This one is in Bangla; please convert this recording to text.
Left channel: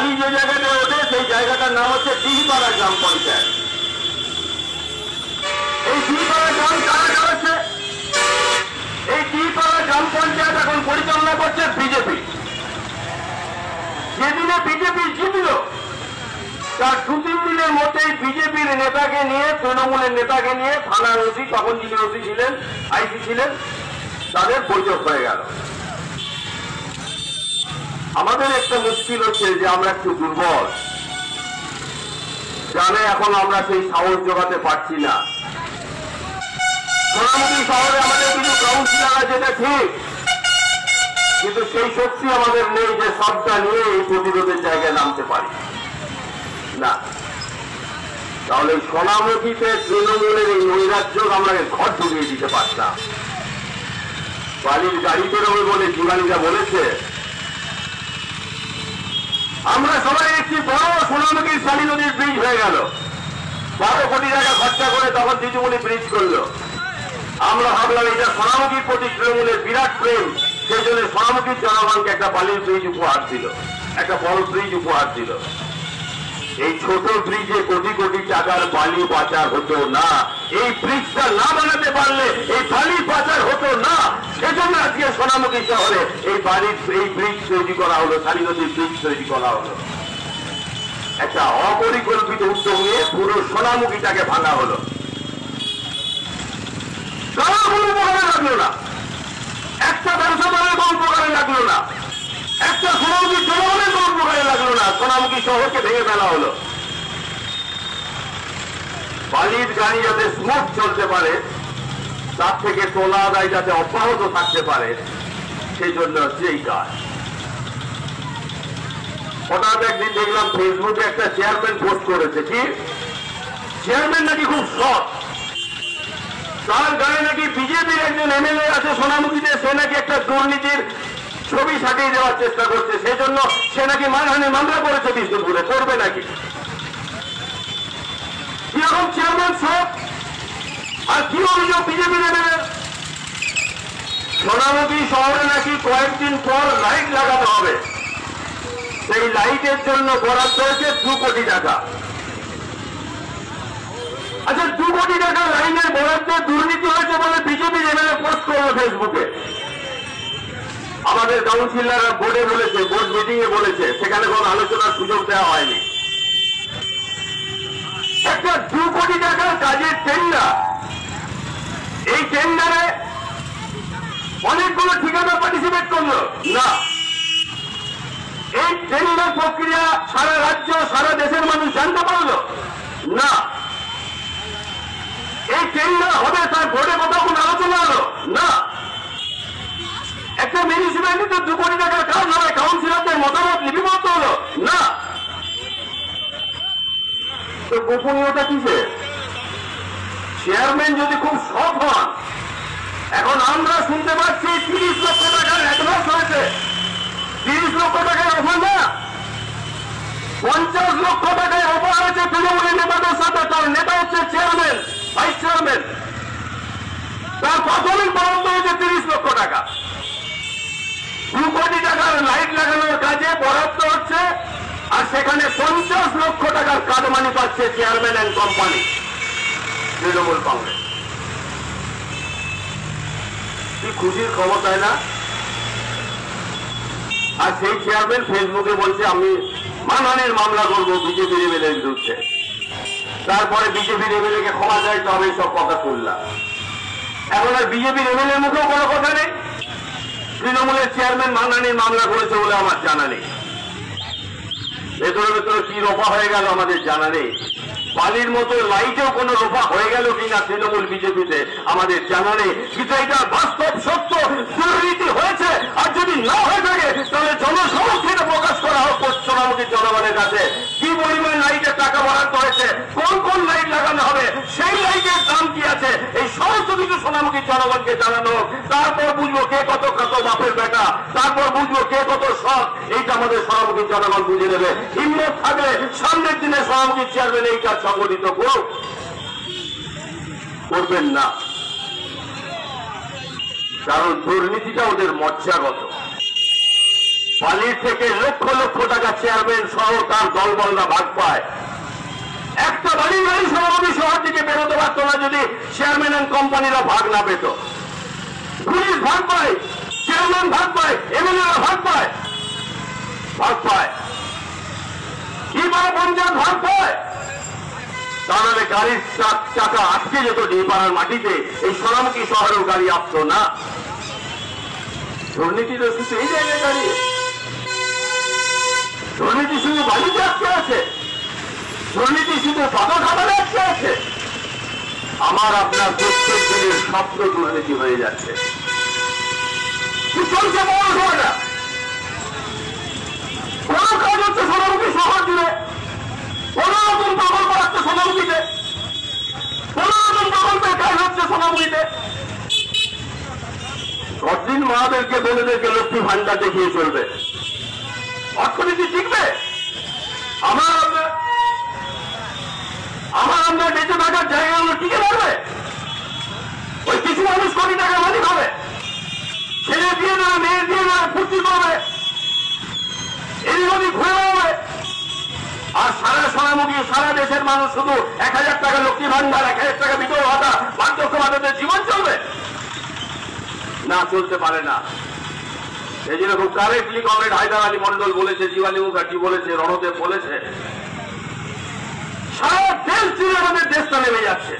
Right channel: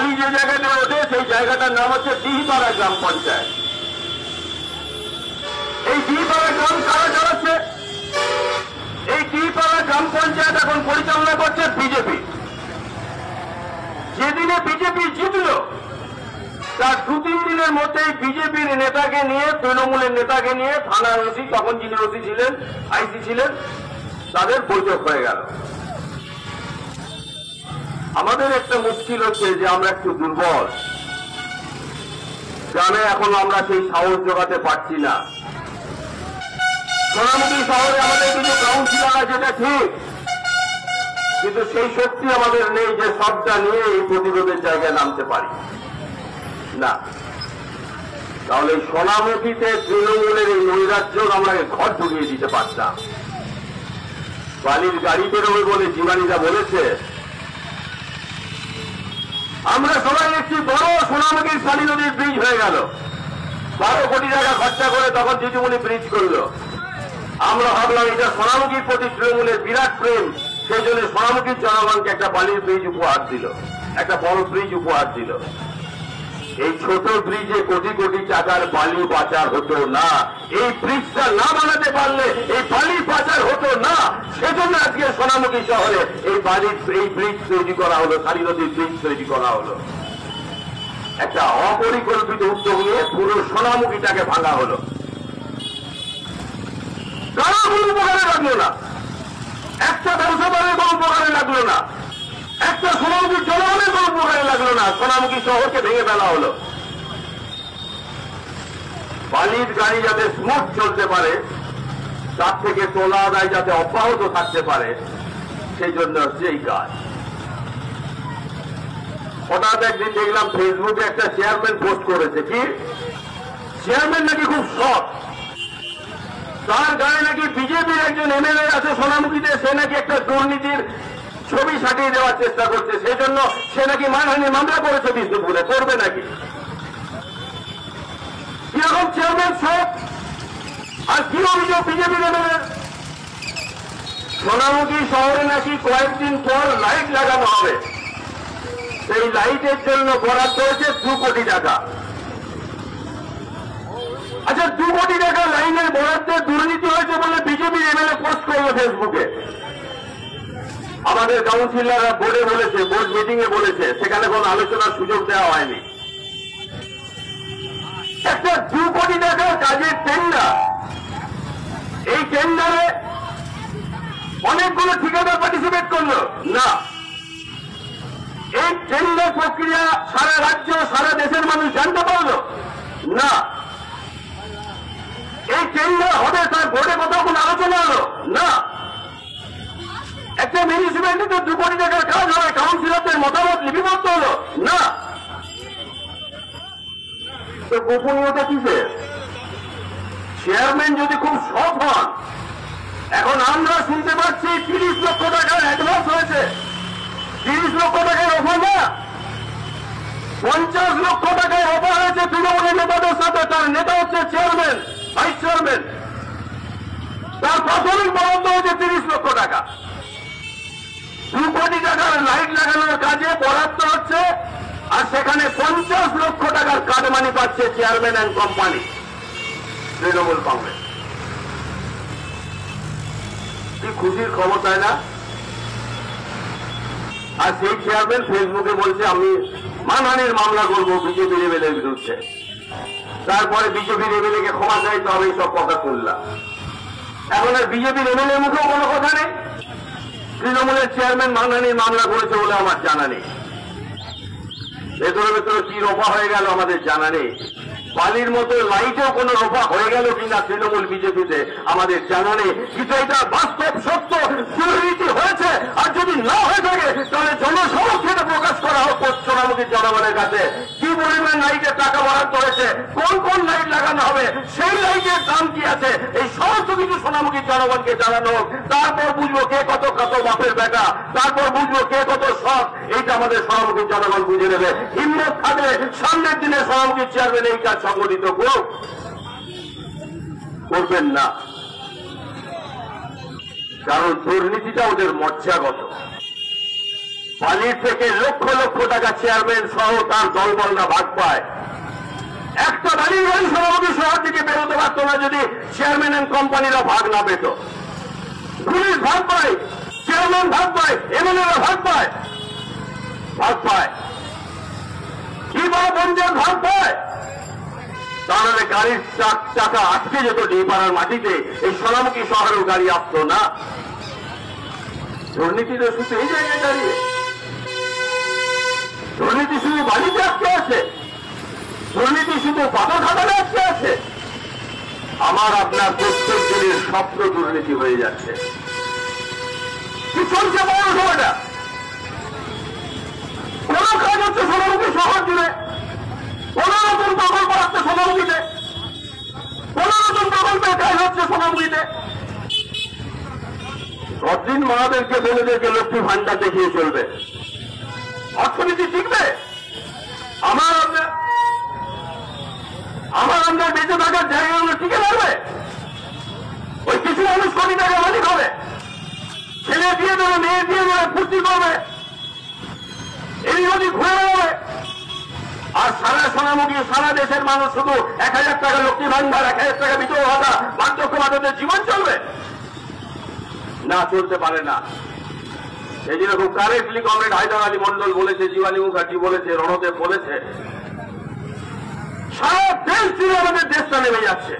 বালি যে জায়গাটা ওঠে সেই জায়গাটার নাম হচ্ছে দিহিপাড়া গ্রাম পঞ্চায়েত। এই দিহিপাড়া গ্রাম কারা চালাচ্ছে? এই দিহিপাড়া গ্রাম পঞ্চায়েত এখন পরিচালনা করছে বিজেপি। যেদিনে বিজেপি জিতল তার 2-3 দিনের মধ্যেই বিজেপির নেতাকে নিয়ে, তৃণমূলের নেতাকে নিয়ে থানার ওসি, তখন যিনি ওসি ছিলেন, আইসি ছিলেন, তাদের বৈঠক হয়ে গেল। আমাদের একটা মুশকিল হচ্ছে যে আমরা একটু দুর্বল, গ্রামে এখন আমরা সেই সাহস জোগাতে পারছি না। সোনামুখী শহরে আমাদের কিছু কাউন্সিলর আছে, এটা ঠিক, কিন্তু সেই শক্তি আমাদের নেই যে সবটা নিয়ে এই প্রতিরোধের জায়গায় নামতে পারি না। তাহলে সোনামুখীতে তৃণমূলের এই নৈরাজ্য আমরা ঘর ঢুকিয়ে দিতে পারতাম। বালির গাড়ি বেরোবে বলে জীবানীরা বলেছে, আমরা সবাই একটি বড় সোনামুখীর শালী নদীর ব্রিজ হয়ে গেল, 12 কোটি টাকা খরচা করে তখন দিদিমণি ব্রিজ করলো। আমরা ভাবলাম এটা সোনামুখীর প্রতি তৃণমূলের বিরাট প্রেম, সেই জন্য সোনামুখীর জনগণকে একটা বালির ব্রিজ উপহার দিল, একটা বড় ব্রিজ উপহার দিল। এই ছোট ব্রিজে কোটি কোটি টাকার বালি পাচার হতো না। এই ব্রিজটা না বানাতে পারলে এই বালি পাচার হতো না। সেজন্য আজকে সোনামুখী শহরে এই ব্রিজ তৈরি করা হলো, শালী নদীর ব্রিজ তৈরি করা হলো। একটা অপরিকল্পিত উদ্যোগ নিয়ে পুরো সোনামুখীটাকে ভাঙা হলো। কারো কোনো উপকারে লাগলো না, একটা ব্যবসাদারের কোনো উপকারে লাগলো না, একটা সোনামুখী জনগণের কোনো উপকারে লাগলো না। সোনামুখী শহরকে ভেঙে ফেলা হলো। বালির গাড়ি যাতে স্মুথ চলতে পারে, তার থেকে তোলা আদায় যাতে অব্যাহত থাকতে পারে, সেই জন্য হচ্ছে এই কাজ। হঠাৎ একদিন দেখলাম ফেসবুকে একটা চেয়ারম্যান পোস্ট করেছে, কি চেয়ারম্যান নাকি খুব সৎ, তার গায়ে নাকি বিজেপির একজন এমএলএ আছে সোনামুখীতে, সে নাকি একটা দুর্নীতির ছবি সাজিয়ে দেওয়ার চেষ্টা করছে, সেই জন্য সে নাকি মানহানির মামলা করেছে বিষ্ণুপুরে, করবে নাকি। কিরকম চেয়ারম্যান সব, আর কি অভিযোগ বিজেপির এমএলএ? সোনামুখী শহরে নাকি কয়েকদিন পর লাইট লাগানো হবে, সেই লাইটের জন্য বরাদ্দ হয়েছে 2 কোটি টাকা। আচ্ছা, 2 কোটি টাকা লাইনের বরাদ্দে দুর্নীতি হয়েছে বলে বিজেপির এমএলএ পোস্ট করলো ফেসবুকে। আমাদের কাউন্সিলররা বোর্ডে বলেছে, বোর্ড মিটিং এ বলেছে, সেখানে কোনো আলোচনার সুযোগ দেওয়া হয়নি। একটা 2 কোটি টাকার কাজের টেন্ডার, এই টেন্ডারে অনেকগুলো ঠিকাদার পার্টিসিপেট করলো না। এই টেন্ডার প্রক্রিয়া সারা রাজ্য, সারা দেশের মানুষ জানতে পারলো না। এই টেন্ডার হবে তার বোর্ডে কোথাও কোনো আলোচনা হলো না। একটা মিউনিসিপ্যালিটিতে 2 কোটি টাকার কাজ হবে, কাউন্সিলরদের মতামত লিপিবদ্ধ হলো না। তো গোপনীয়তা কিসে? চেয়ারম্যান যদি খুব সৎ হন, এখন আমরা শুনতে পাচ্ছি 30 লক্ষ টাকার অ্যাডভান্স হয়েছে। 30 লক্ষ টাকায় অফার না, 50 লক্ষ টাকায় অফার হয়েছে তৃণমূলের নেতাদের সাথে। তার নেতা হচ্ছে চেয়ারম্যান, ভাইস চেয়ারম্যান, তার প্রাথমিক বরাদ্দ হয়েছে 30 লক্ষ টাকা। 2 কোটি টাকার লাইট লাগানোর কাজে বরাদ্দ হচ্ছে, আর সেখানে 50 লক্ষ টাকার কাটমানি পাচ্ছে chairman and company, Trinamool Congress. কি খুশির খবর, তাই না? আর সেই চেয়ারম্যান ফেসবুকে বলছে আমি মানহানির মামলা করবো বিজেপির এমএলএর বিরুদ্ধে। তারপরে বিজেপির এমএলএ কে ক্ষমা চাই, তো আমি সব কথা শুনলাম। এখন আর বিজেপির এমএলএ মুখেও কোনো কথা নেই। তৃণমূলের চেয়ারম্যান মানহানির মামলা করেছে বলে আমার জানা নেই। ভেতরে ভেতরে কি রোপা হয়ে গেল আমাদের জানা নেই। বালির মতো লাইটেও কোনো রোপা হয়ে গেল কিনা তৃণমূল বিজেপিতে আমাদের জানা নেই। কিন্তু এটা বাস্তব সত্য, দুর্নীতি হয়েছে। আর যদি না হয়ে থাকে তাহলে জনসমক্ষে প্রকাশ করা হোক সোনামুখীর জনগণের কাছে কি পরিমাণ লাইটের টাকা বরাদ্দ হয়েছে, কোন কোন লাইট লাগানো হবে, সেই লাইটের দাম কি আছে, এই সমস্ত কিছু সোনামুখীর জনগণকে জানানো হোক। তারপর বুঝবো কে কত কত বাপের বেটা, তারপর বুঝবো কে কত সৎ। এইটা আমাদের সোনামুখীর জনগণ বুঝে নেবে। হিম্মত থাকলে সামনের দিনে সোনামুখীর চেয়ারম্যান এই কাজ সংগঠিত করবেন না, কারণ দুর্নীতিটা ওদের মজ্জাগত। বালির থেকে লক্ষ লক্ষ টাকা চেয়ারম্যান সহ তার দলবলরা ভাগ পায়। একটা বালির গাড়ি সভাপতি শহর থেকে বেরোতে পারত না যদি চেয়ারম্যান এন্ড কোম্পানিরা ভাগ না পেত। পুলিশ ভাগ পায়, চেয়ারম্যান ভাগ পায়, এমএলএরা ভাগ পায়, কি বা পঞ্চায়েত ভাগ পায়। তাহলে গাড়ির চাকা আটকে যেত ডিপাড়ার মাটিতে, এই সোনামুখী শহরেও গাড়ি আসতো না। দুর্নীতি তো শুধু এই জায়গায় দাঁড়িয়ে, দুর্নীতি শুধু বালিতে আটকে আছে, দুর্নীতি শুধু পাতা খাতালে আটকে আছে। আমার আপনার প্রত্যেক দিনের স্বপ্ন দুর্নীতি হয়ে যাচ্ছে। কি চলছে পৌরসভাটা? কোন কাজ হচ্ছে সোনামুখী শহর জুড়ে? কোন নতুন প্রকল্প হচ্ছে সোনামুখীতে? কোন নতুন প্রকল্পের কাজ হচ্ছে সোনামুখীতে? কতদিন মাদেরকে বলে দিয়েছে লক্ষ্মী ভান্ডার দেখিয়ে চলবে, অর্থনীতি টিকবে? আমার আপনার বেঁচে থাকার জায়গাগুলো টিকে থাকবে? ওই কিছু মানুষ কোটি টাকা মালিক হবে, ছেলে দিয়ে দেবে, মেয়ে দিয়ে দেবে, ফুর্তি করবে, এই নদী ঘুরে বেড়াবে। আর সারা সোনামুখী সারা দেশের মানুষ শুধু 1000 টাকা লক্ষ্মী ভান্ডার, 1000 টাকা বিধবা ভাতা, বার্ধক্য ভাতাতে জীবন চলবে না? চলতে পারে না। এই জন্য খুব কারেক্টলি কমরেড হায়দার আলী মন্ডল বলেছে, জীবানী মুখার্জি বলেছে, রণদেব বলেছে, সারা দেশ জুড়ে আমাদের দেশটা নেমে যাচ্ছে।